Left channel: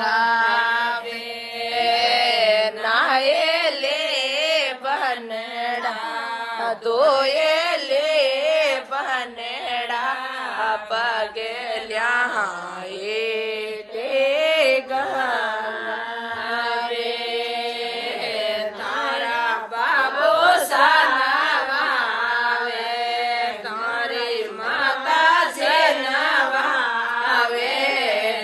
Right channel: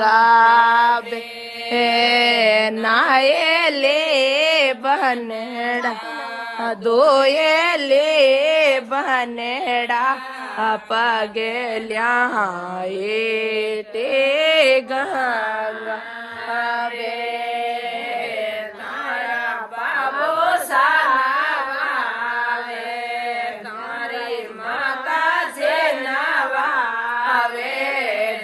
ગાવે નાયેલે બનડા ધોયેલે બનડા પગે લ્યાએ તે ગાવે તારા બાબો સાના વાવે તારી માતા છે નવાવે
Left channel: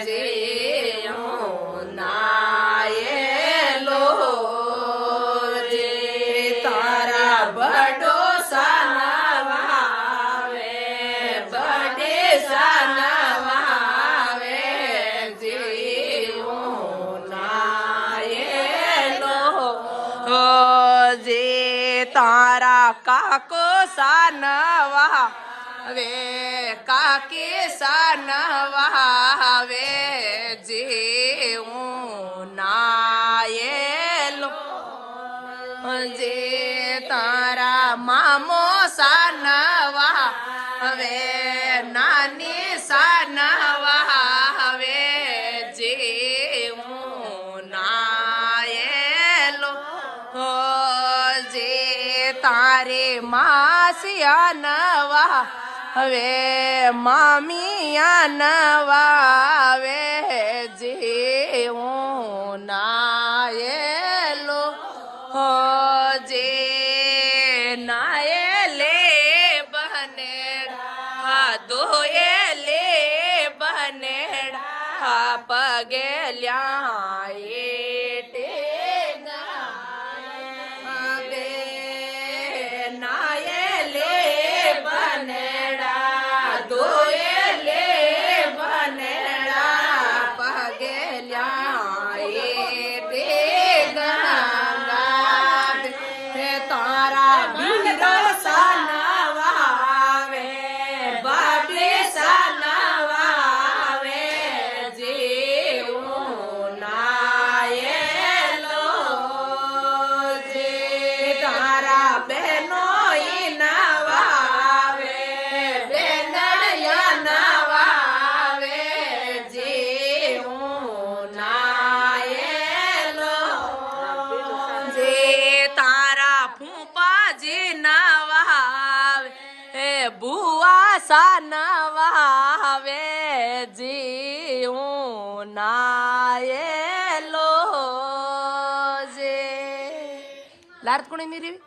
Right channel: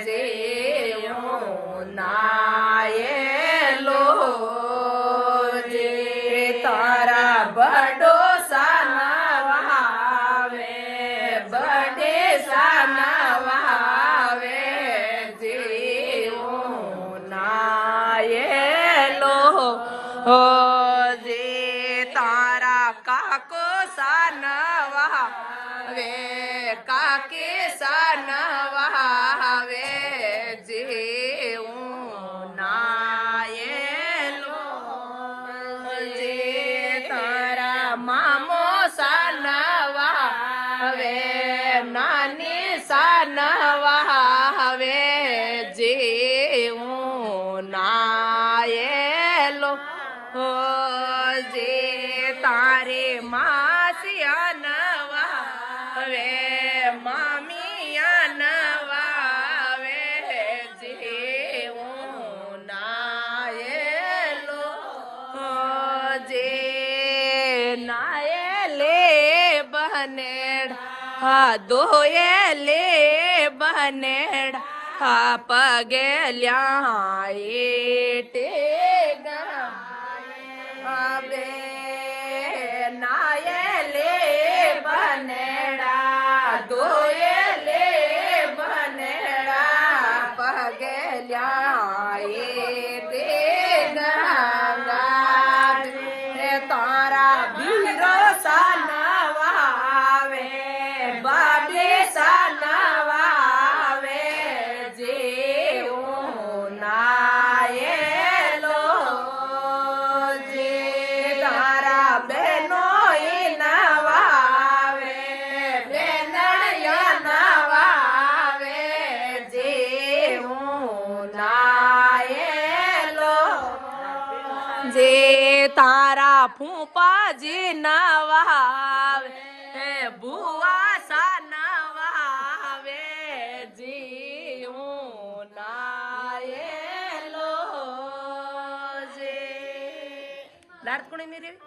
જીવું નાયેલો જે તારા બડો સાના વાવે બડે સાના વાવે જીવું નાયેલો જે તારા કાકો સાનવા વે કાકી સાનવા વે જીવું નાયેલો જે તારા મામો સાનવા વે નાની સાનવા વે જીવું નાયેલો જે તારે માસિયા નવા હવે મામિયા નવા વે જીવું નાયેલો જે નાયેલે બનેડા ધોયેલે બનેડા પગે લ્યાએ તે બે નાયેલે બનેડા ધોયેલે બનેડા પગે લ્યાએ તે ગંગા તારા બીરો સાનવાવે બાબી સાનવાવે જીવું નાયેલો જે તારા બહેનો નવાવે બેનડિયા નવાવે જીવું નાયેલો જે તારા ફૂંપાજી નવાવે બુઆ સાનવાવે જીવું નાયેલો જે લાર્દ કોણે મેરી